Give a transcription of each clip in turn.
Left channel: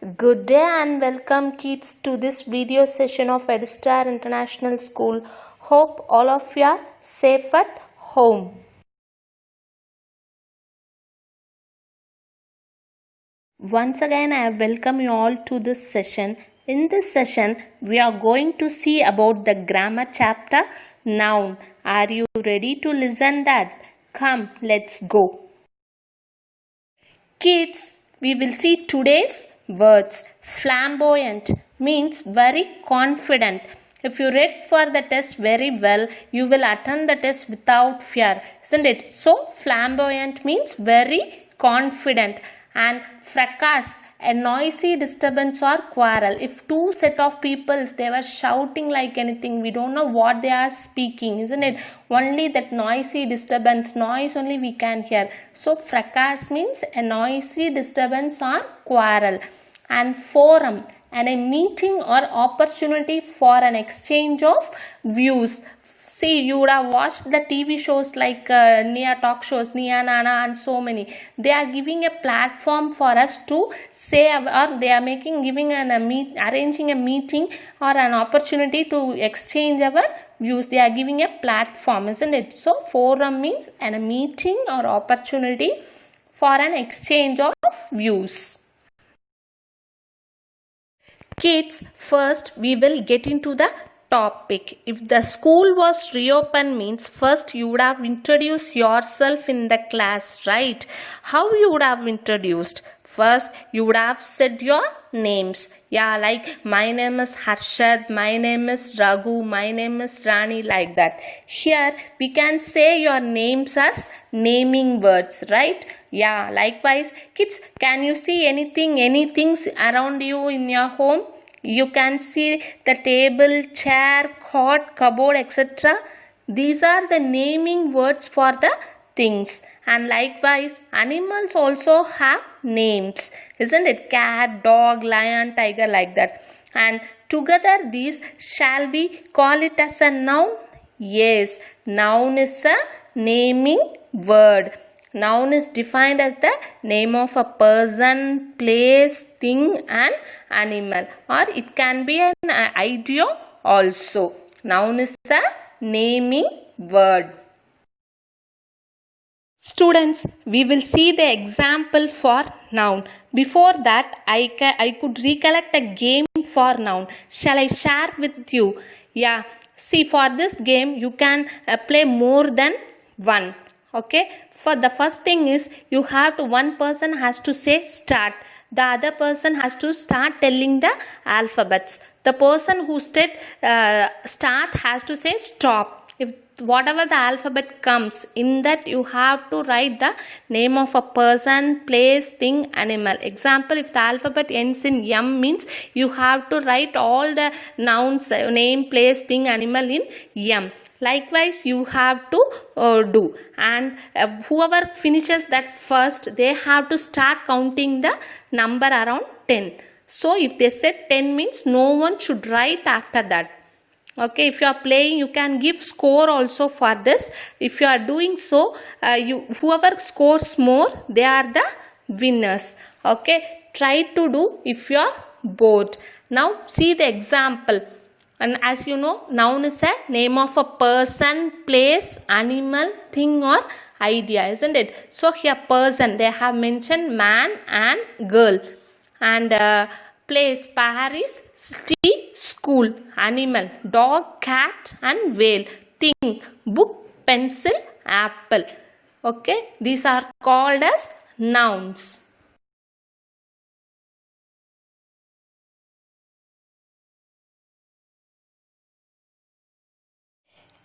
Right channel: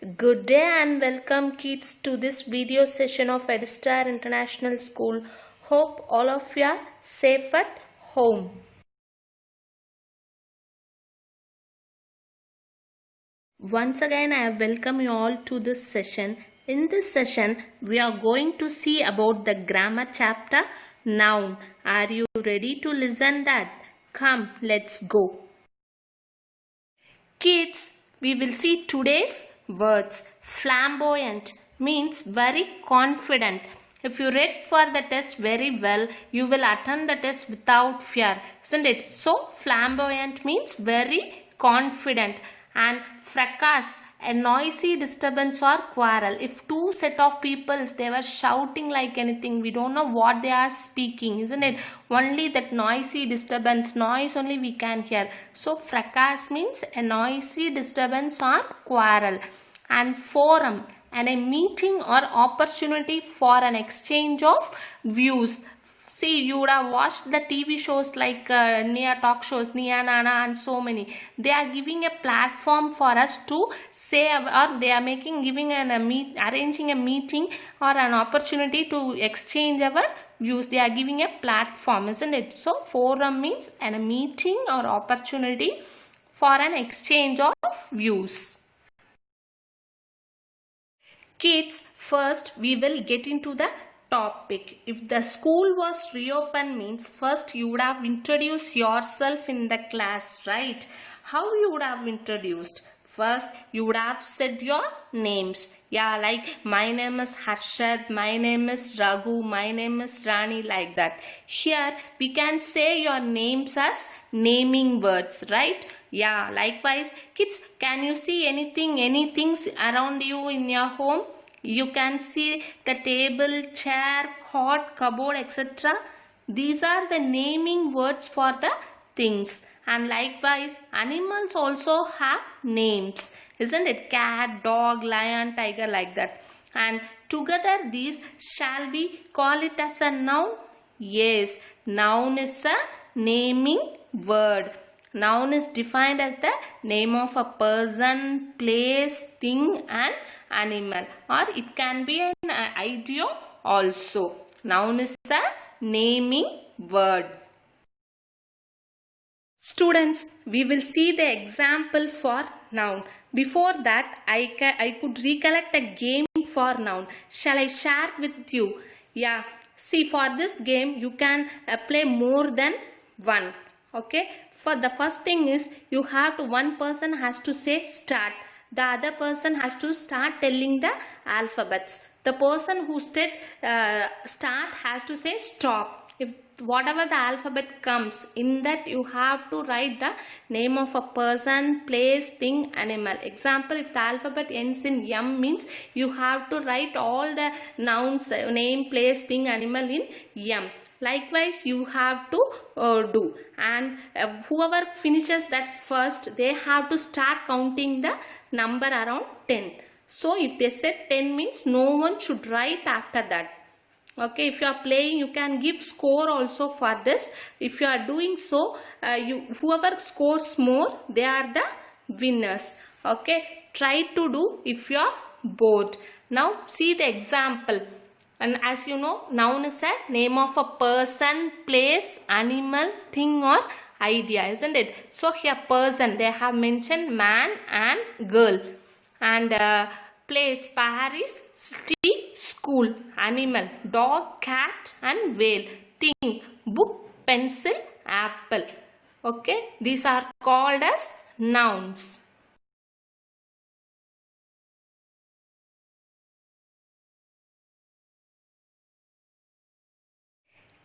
Good day and welcome kids to this video session of Edstar International School. Hope all of you are safe at home. Once again I welcome you all to this session. In this session we are going to see about the grammar chapter noun. Are you ready to listen that? Come, let's go. Kids, we will see today's words. Flamboyant means very confident. If you read for the test very well, you will attend the test without fear, isn't it? So, flamboyant means very confident. And fracas, a noisy disturbance or quarrel. If two set of people, they were shouting like anything, we don't know what they are speaking, isn't it? Only that noisy disturbance, noise only we can hear. So fracas means a noisy disturbance or quarrel. And forum, and a meeting or opportunity for an exchange of views. See, you would have watched the TV shows like Nia talk shows, Nia Nana and so many. They are giving a platform for us to say, or they are arranging a meeting or an opportunity to exchange our views. They are giving a platform, isn't it? So, forum means a meeting or opportunity for an exchange of views. Kids, first we will get into the topic. If the school was reopened means first you would have introduced yourself in the class, right? How you would have introduced? First you would have said your names. Yeah, like my name is Harshad, my name is Raghu, my name is Rani, like that. Here we can say your names as naming words, right? Yeah, likewise kids, can you see anything around you in your home? You can see the table, chair, cot, cupboard, etc. These are the naming words for the things. And likewise, animals also have names, isn't it? Cat, dog, lion, tiger, like that. And together these shall we call it as a noun? Yes, noun is a naming word. Noun is defined as the name of a person, place, thing and animal, or it can be an idea also. Noun is a naming word. Students, we will see the example for noun. Before that, I could recollect a game for noun. Shall I share with you? Yeah, see, for this game you can play more than one. Okay, for the first thing is you have to, one person has to say start, the other person has to start telling the alphabets. The person who said start has to say stop. If whatever the alphabet comes in that, you have to write the name of a person, place, thing, animal. Example, if the alphabet ends in M means you have to write all the nouns, name, place, thing, animal in M. Likewise you have to do, and whoever finishes that first, they have to start counting the number around 10. So if they said 10 means no one should write after that. Okay, if you are playing, you can give score also for this. If you are doing so, whoever scores more, they are the winners. Okay, try to do if you are bored. Now see the example. And as you know, noun is a name of a person, place, animal, thing or idea, isn't it? So here person, they have mentioned man and girl. And place, Paris, city, school, animal, dog, cat and whale, thing, book, pencil, apple. Okay, these are called as nouns.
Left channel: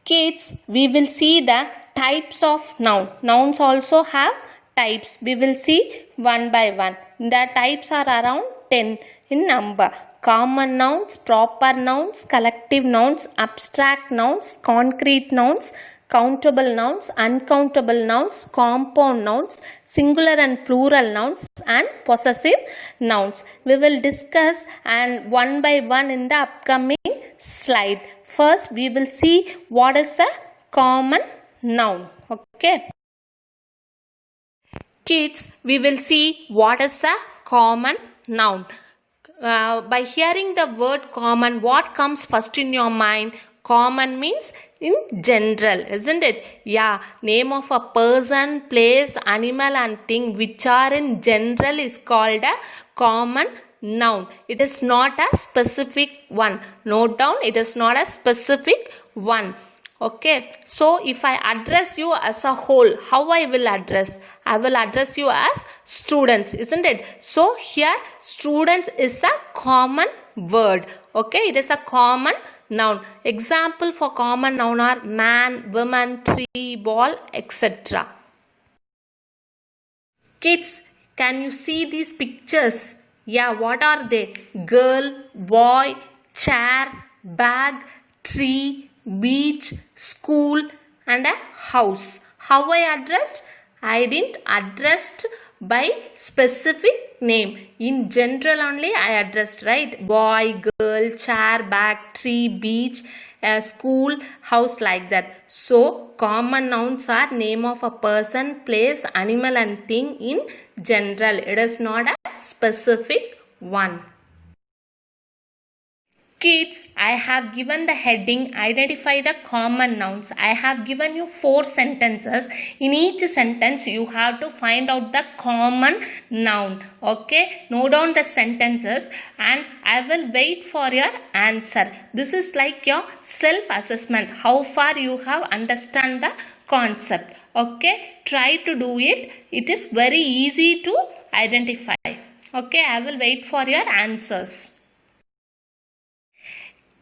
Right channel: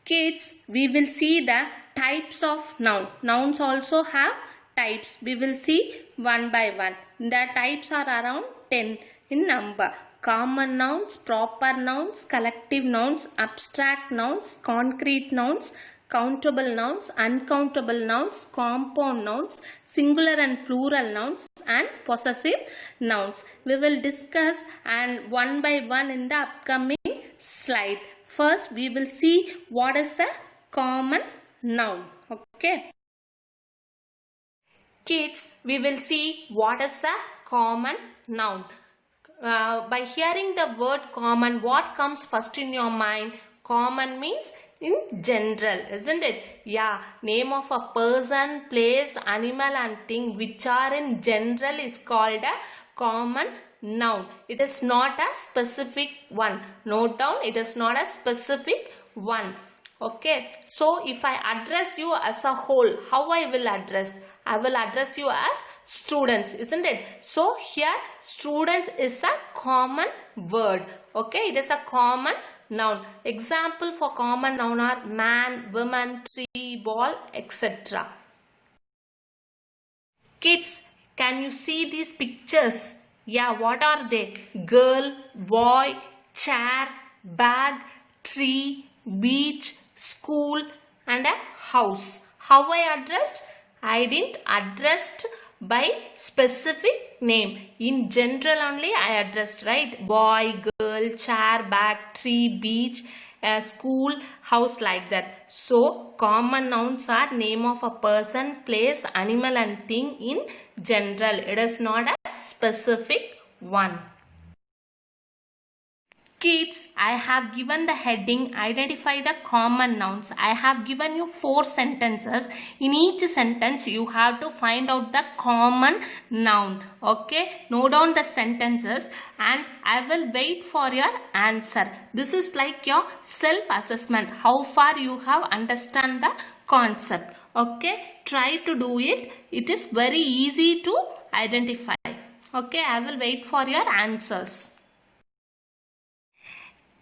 Kids, we will see the types of noun. Nouns also have types. We will see one by one. The types are around 10 in number. Common nouns, proper nouns, collective nouns, abstract nouns, concrete nouns, countable nouns, uncountable nouns, compound nouns, singular and plural nouns and possessive nouns. We will discuss and one by one in the upcoming slide. First, we will see what is a common noun. Okay. Kids, we will see what is a common noun. by hearing the word common, what comes first in your mind? Common means in general, isn't it? Yeah, name of a person, place, animal and thing which are in general is called a common noun. It is not a specific one. Note down, it is not a specific one. Okay, so if I address you as a whole, how I will address? I will address you as students, isn't it? So here students is a common word. Okay, it is a common noun. Example for common noun are man, woman, tree, ball, etc. Kids, can you see these pictures? Yeah, what are they? Girl, boy, chair, bag, tree, beach, school and a house. How I addressed? I didn't addressed by specific name. In general only I addressed, right? Boy, girl, chair, bag, tree, beach, school, house, like that. So common nouns are name of a person, place, animal and thing in general. It is not a specific one. Kids, I have given the heading identify the common nouns. I have given you 4 sentences. In each sentence you have to find out the common noun. Okay, note down the sentences and I will wait for your answer. This is like your self assessment, how far you have understand the concept. Okay, try to do it. It is very easy to identify. Okay, I will wait for your answers.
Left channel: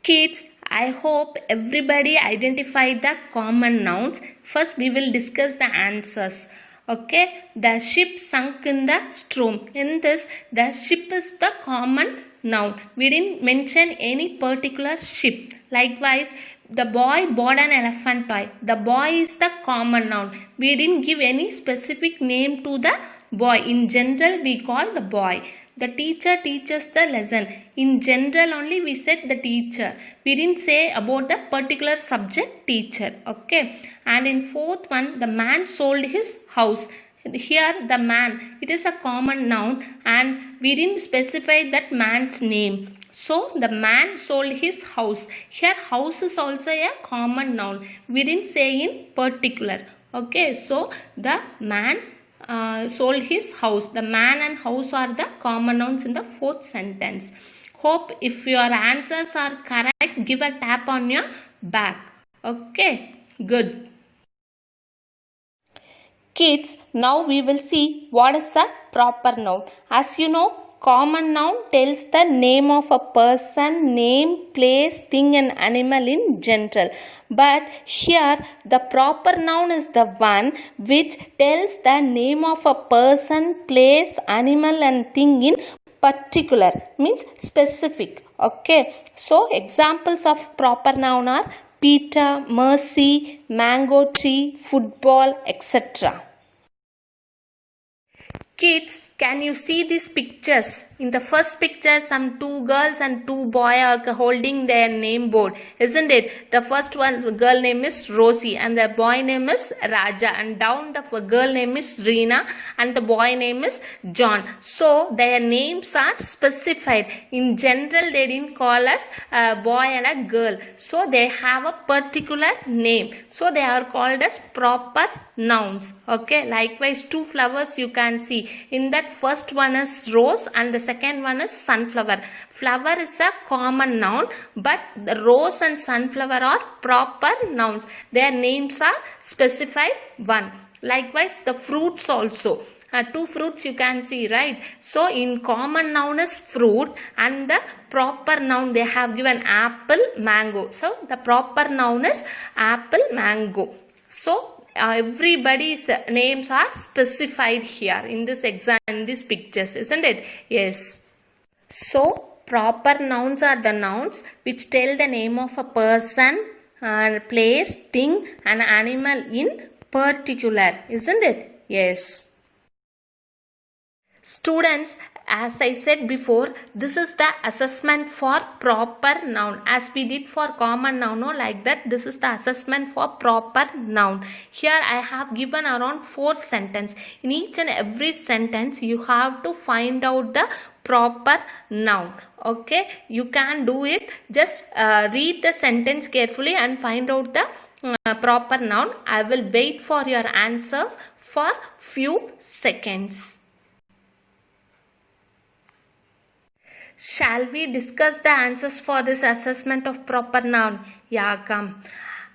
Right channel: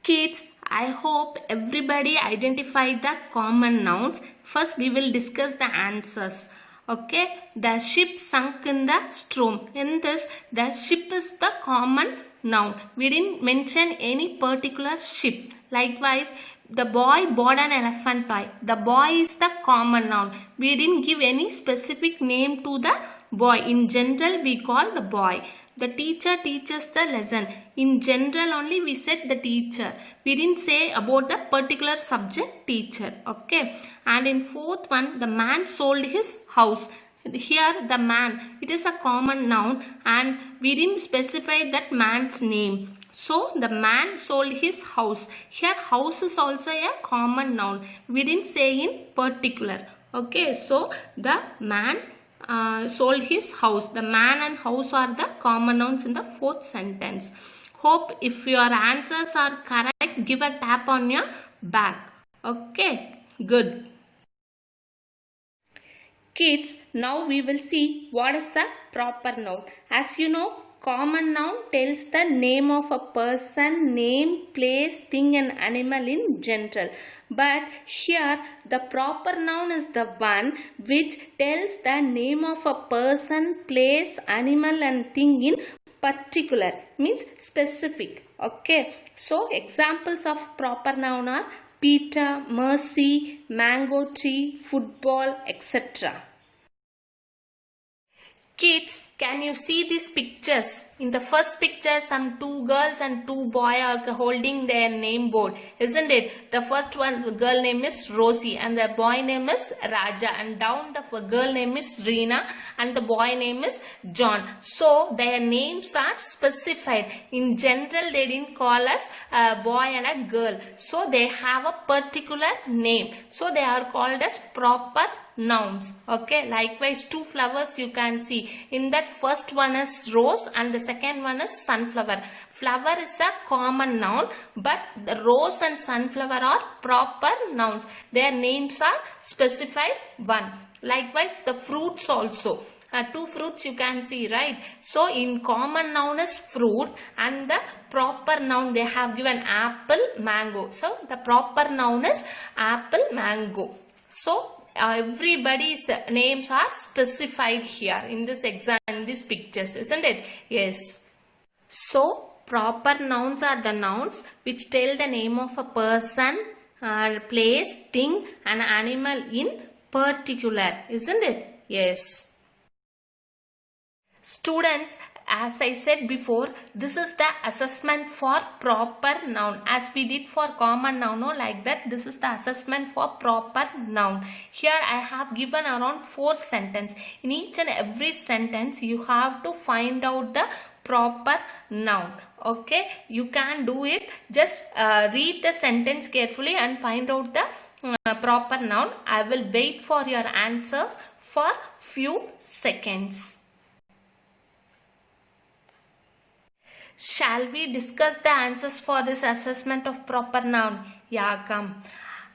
Kids, I hope everybody identified the common nouns. First, we will discuss the answers. Okay, the ship sunk in the storm. In this, the ship is the common noun. We didn't mention any particular ship. Likewise, the boy bought an elephant toy. The boy is the common noun. We didn't give any specific name to the boy. In general, we call the boy. The teacher teaches the lesson. In general only we said the teacher. We didn't say about the particular subject teacher. Okay. And in 4th one, the man sold his house. Here the man, it is a common noun and we didn't specify that man's name. So the man sold his house. Here house is also a common noun. We didn't say in particular. Okay. So the man sold his house. The man and house are the common nouns in the 4th sentence. Hope if your answers are correct, give a tap on your back. Okay, good. Kids, now we will see what is a proper noun. As you know, common noun tells the name of a person, name, place, thing and animal in general. But here the proper noun is the one which tells the name of a person, place, animal and thing in particular, means specific. Okay. So examples of proper noun are Peter, Mercy, mango tree, football, etc. Kids, can you see these pictures? In the first picture, some 2 girls and 2 boys are holding their name board, isn't it? The first one, the girl name is Rosie and the boy name is Raja, and down the girl name is Reena and the boy name is John. So their names are specified. In general, they didn't call us a boy and a girl. So they have a particular name. So they are called as proper nouns. Okay, likewise 2 flowers you can see. In that first one is rose and the second one is sunflower. Flower is a common noun, but the rose and sunflower are proper nouns. Their names are specified one. Likewise the fruits also. 2 fruits you can see, right? So in common noun is fruit and the proper noun they have given apple, mango. So the proper noun is apple, mango. So everybody's names are specified here in this exam, in these pictures, isn't it? Yes. So proper nouns are the nouns which tell the name of a person, place, thing and animal in particular, isn't it? Yes. Students, As I said before, this is the assessment for proper noun. As we did for common noun, no, like that, this is the assessment for proper noun. Here I have given around 4 sentences. In each and every sentence, you have to find out the proper noun. Okay, you can do it. Just read the sentence carefully and find out the proper noun. I will wait for your answers for few seconds. Shall we discuss the answers for this assessment of proper noun? Yeah, come.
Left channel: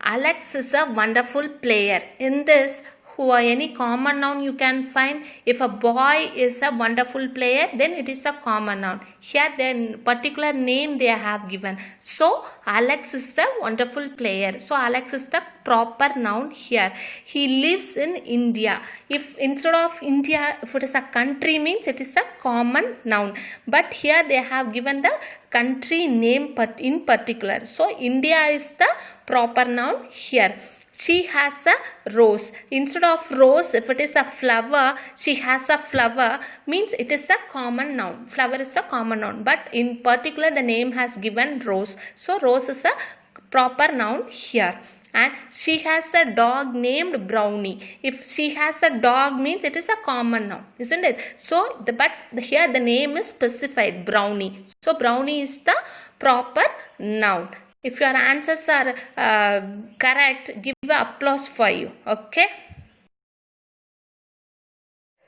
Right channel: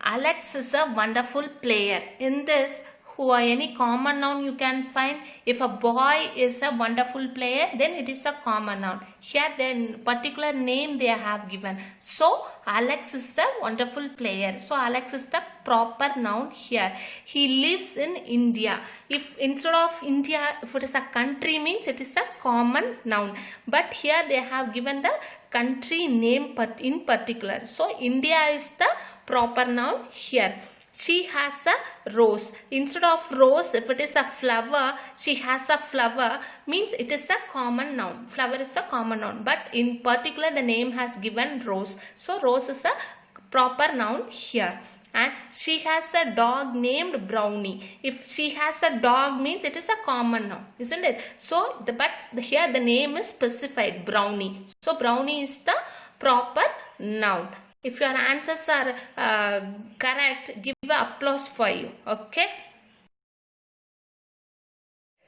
Alex is a wonderful player. In this, any common noun you can find. If a boy is a wonderful player, then it is a common noun. Here the particular name they have given. So Alex is a wonderful player. So Alex is the proper noun here. He lives in India. If instead of India, if it is a country, means it is a common noun. But here they have given the country name in particular. So India is the proper noun here. She has a rose. Instead of rose, if it is a flower, she has a flower, means it is a common noun. Flower is a common noun. But in particular, the name has given rose. So rose is a proper noun here. And she has a dog named Brownie. If she has a dog, means it is a common noun, isn't it? So, but here the name is specified, Brownie. So Brownie is the proper noun. If your answers are correct, give an applause for you. Okay.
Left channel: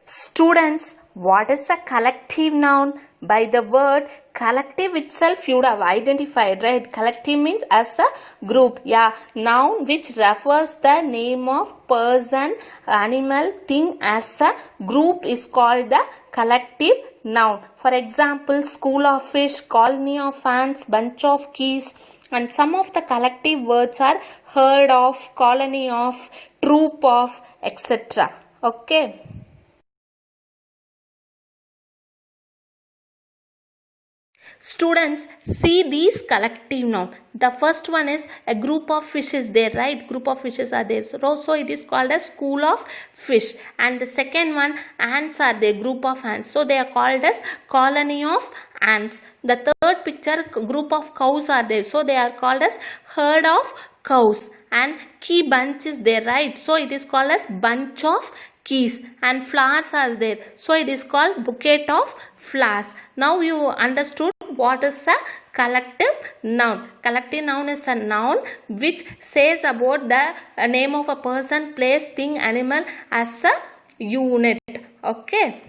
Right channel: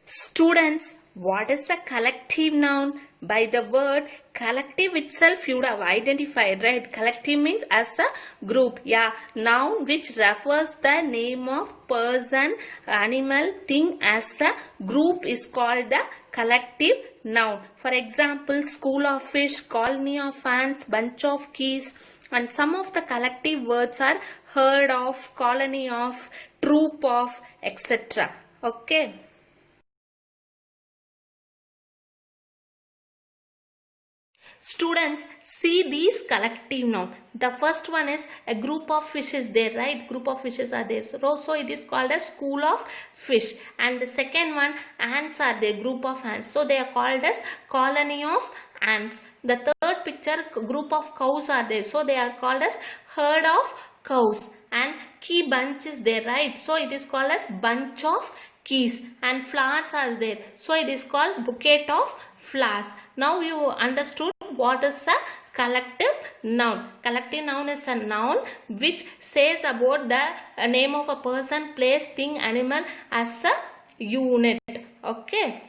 Students, what is a collective noun? By the word collective itself you would have identified, right? Collective means as a group. Yeah, noun which refers the name of person, animal, thing as a group is called the collective noun. For example, school of fish, colony of ants, bunch of keys. And some of the collective words are herd of, colony of, troop of, etc. Okay. Students, see these collective noun. The first one is a group of fishes there, right? Group of fishes are there. So it is called a school of fish. And the second one, ants are there, group of ants. So they are called as colony of ants. The third picture, group of cows are there. So they are called as herd of cows. And key bunch is there, right? So it is called as bunch of keys. And flowers are there. So it is called bouquet of flowers. Now you understood what is a collective noun. Collective noun is a noun which says about the name of a person, place, thing, animal as a unit. Okay.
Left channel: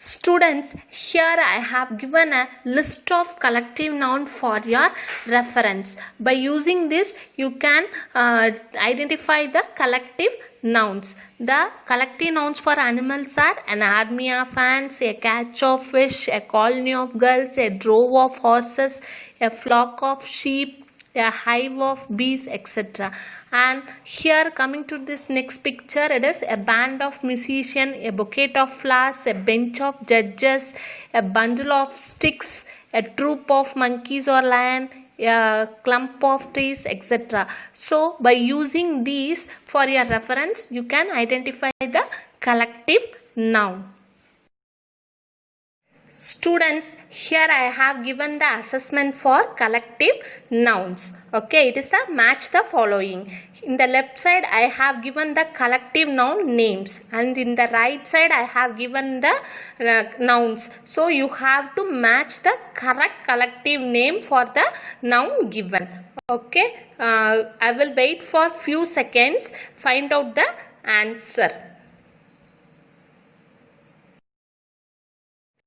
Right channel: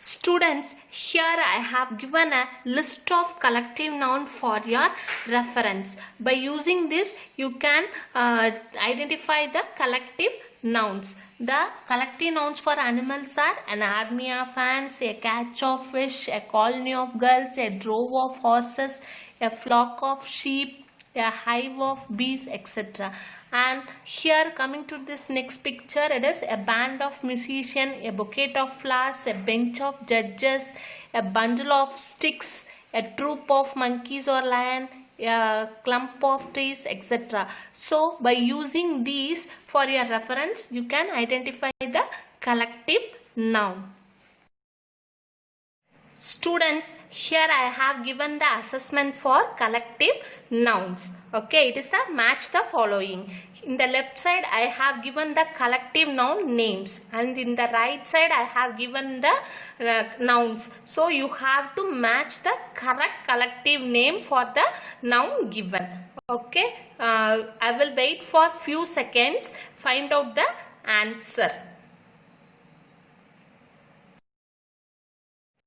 Students, here I have given a list of collective noun for your reference. By using this, you can identify the collective nouns. The collective nouns for animals are an army of ants, a catch of fish, a colony of gulls, a drove of horses, a flock of sheep, a hive of bees, etc. And here coming to this next picture, it is a band of musicians, a bouquet of flowers, a bench of judges, a bundle of sticks, a troop of monkeys or lion, a clump of trees, etc. So by using these for your reference, you can identify the collective noun. Students, here I have given the assessment for collective nouns. Okay, it is the match the following. In the left side, I have given the collective noun names, and in the right side, I have given the nouns. So you have to match the correct collective name for the noun given. Okay, I will wait for few seconds, find out the answer.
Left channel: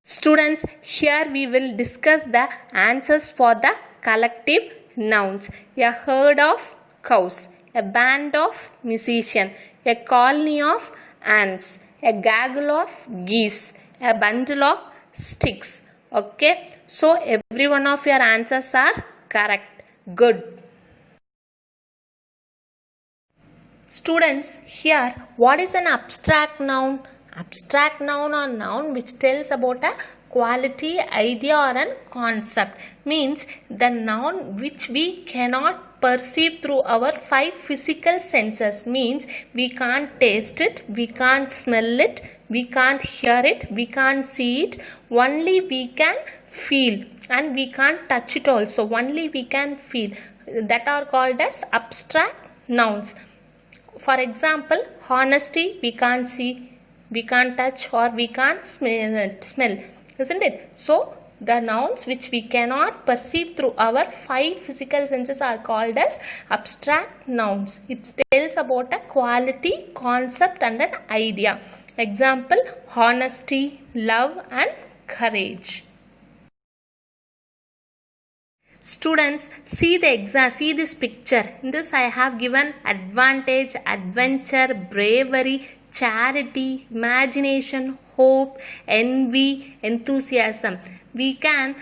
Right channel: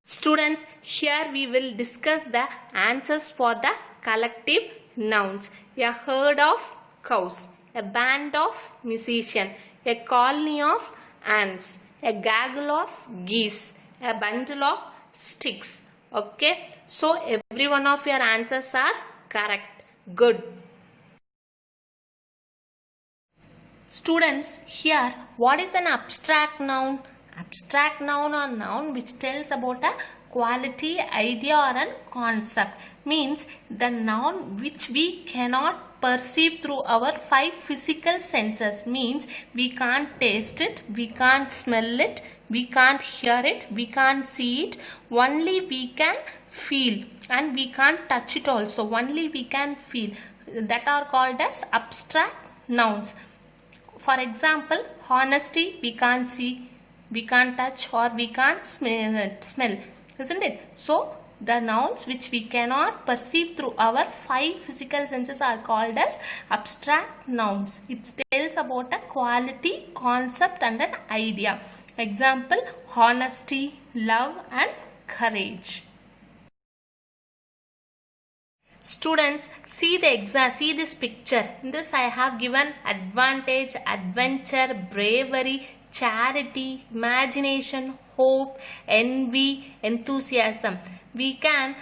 Students, here we will discuss the answers for the collective nouns. A herd of cows, a band of musicians, a colony of ants, a gaggle of geese, a bundle of sticks. Okay, so every one of your answers are correct. Good. Students, here what is an abstract noun? Abstract noun or noun which tells about a quality, idea or a concept, means the noun which we cannot perceive through our five physical senses. Means we can't taste it, we can't smell it, we can't hear it, we can't see it, only we can feel, and we can't touch it also, only we can feel. That are called as abstract nouns. For example, honesty we can't see, we can't touch, or we can't smell, isn't it? So the nouns which we cannot perceive through our five physical senses are called as abstract nouns. It tells about a quality, concept and an idea. Example, honesty, love and courage. Students, see this picture. In this I have given advantage, adventure, bravery, charity, imagination, hope, envy, enthusiasm. We can,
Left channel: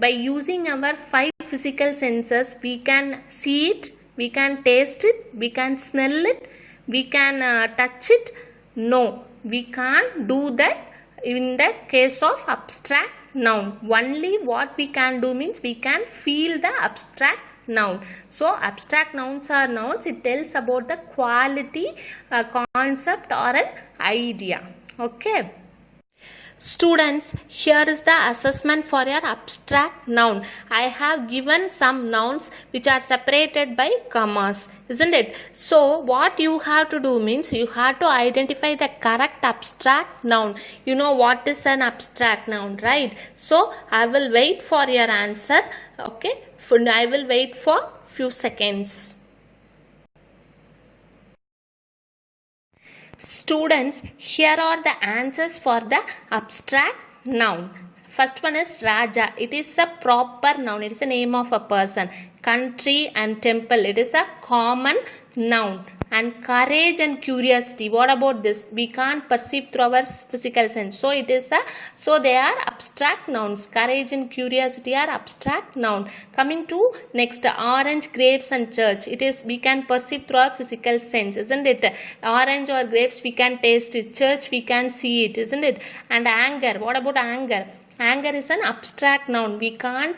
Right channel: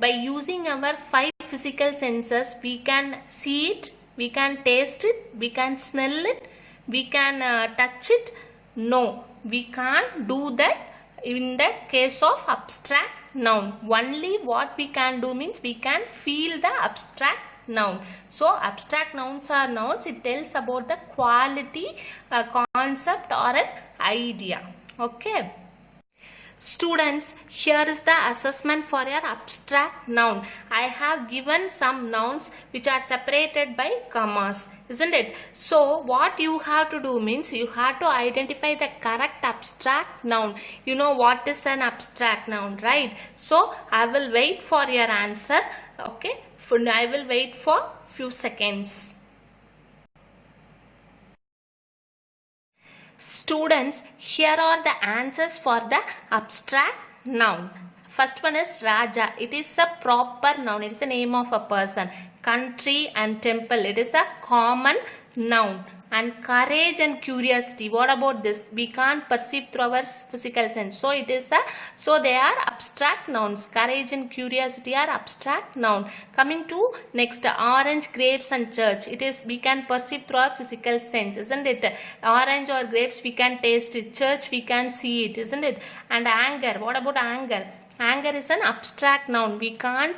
by using our five physical senses, we can see it, we can taste it, we can smell it, we can touch it. No, we can't do that in the case of abstract noun. Only what we can do means we can feel the abstract noun. So abstract nouns are nouns. It tells about the quality, concept or an idea. Okay. Students, here is the assessment for your abstract noun. I have given some nouns which are separated by commas, isn't it? So what you have to do means you have to identify the correct abstract noun. You know what is an abstract noun, right? So I will wait for your answer. Okay, I will wait for few seconds. Students, here are the answers for the abstract noun. First one is Raja. It is a proper noun. It is a name of a person. Country and temple. It is a common noun. And courage and curiosity. What about this? We can't perceive through our physical sense. So they are abstract nouns. Courage and curiosity are abstract noun. Coming to next, orange, grapes and church. It is, we can perceive through our physical sense, isn't it? Orange or grapes we can taste it. Church we can see it, isn't it? And anger. What about anger? Anger is an abstract noun. We can't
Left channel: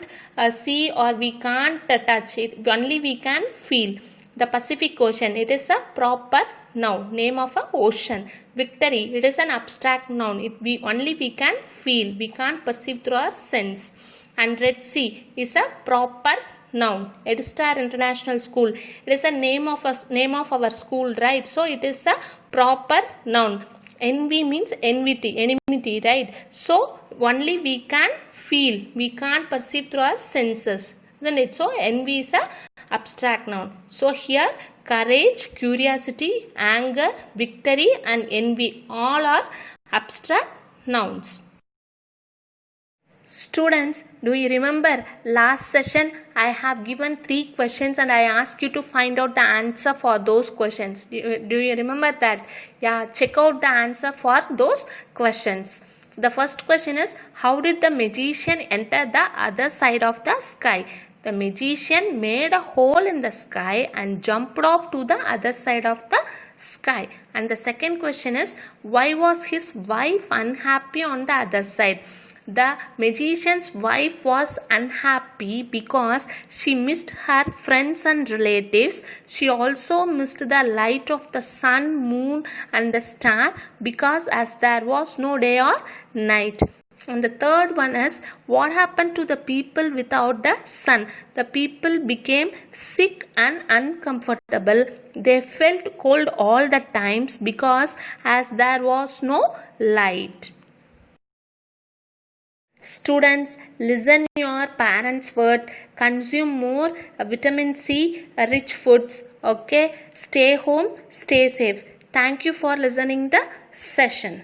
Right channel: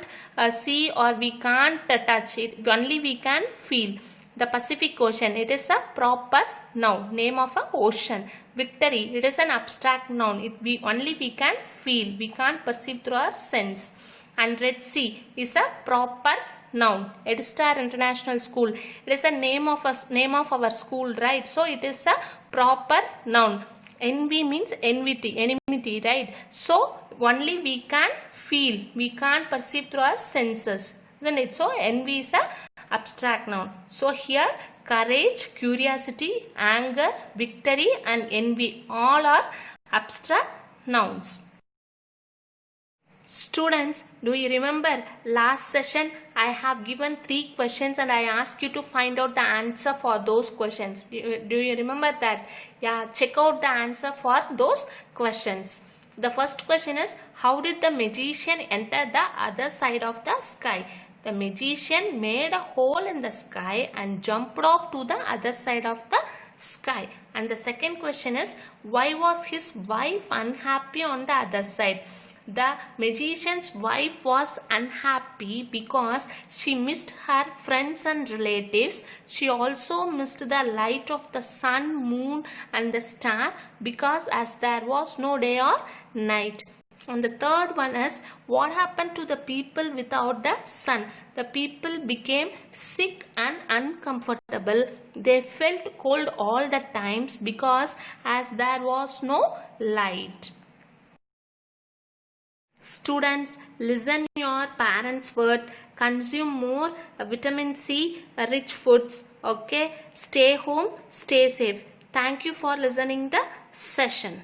see or we can't touch it. Only we can feel. The Pacific Ocean, it is a proper noun, name of an ocean. Victory, it is an abstract noun. Only we can feel, we can't perceive through our sense. And Red Sea is a proper noun. Edstar International School, it is a name of our school, right? So it is a proper noun. Envy means enmity, right? So only we can feel, we can't perceive through our senses, isn't it? So envy is a abstract noun. So here courage, curiosity, anger, victory and envy all are abstract nouns. Students, do you remember last session I have given 3 questions and I asked you to find out the answer for those questions. Do you remember that? Yeah, check out the answer for those questions. The first question is, how did the magician enter the other side of the sky? The magician made a hole in the sky and jumped off to the other side of the sky. And the second question is, why was his wife unhappy on the other side? The magician's wife was unhappy because she missed her friends and relatives. She also missed the light of the sun, moon and the star because as there was no day or night. And the third one is, what happened to the people without the sun? The people became sick and uncomfortable. They felt cold all the times because as there was no light. Students, listen your parents' word. Consume more vitamin C rich foods. Okay, stay home, stay safe. Thank you for listening the session.